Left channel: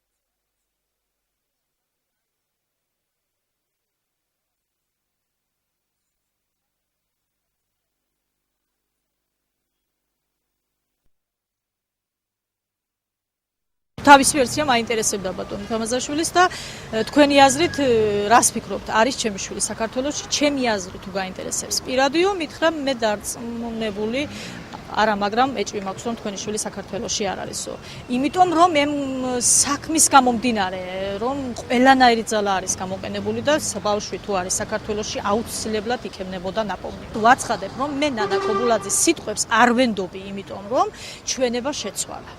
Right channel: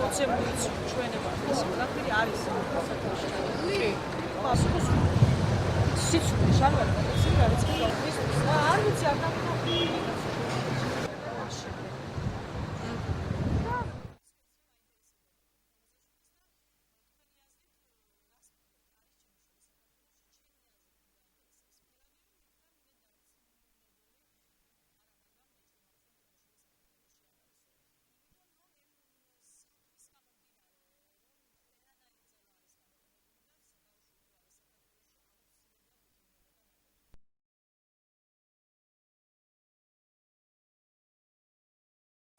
მოცემული ჩვენება ეს ყველაფერი არის საქართველოში. კი. სიცოცხლე შარვარ არის არ ვიცი არ თავის ვერსია მაინტერესებდა ბატონი თამაზაშვილის და თქვენი აზრით რას ფიქრობთ არის ჩემი შვილი საქართველოში ჩემი აზრით თუ გაინტერესებს პირადიო მითხრა მე დარწმუნებული არა მაგრამ ეჭვი მაქვს რომ თქვენი შვილი საქართველოში არ არისო იმიტომ რომ მე საქმის გამომდინარე რომ ყველანაირი ძალა არის გამოყენებული და ბავშვი თუ არის საქართველოში აუცილებლად იქნებოდა ნაპოვნი ვაცხადებ რომ მე ნანა კობულაძის სიტყვებს არ ვენდობი იმიტომ რომ ჩვენება შეცვალა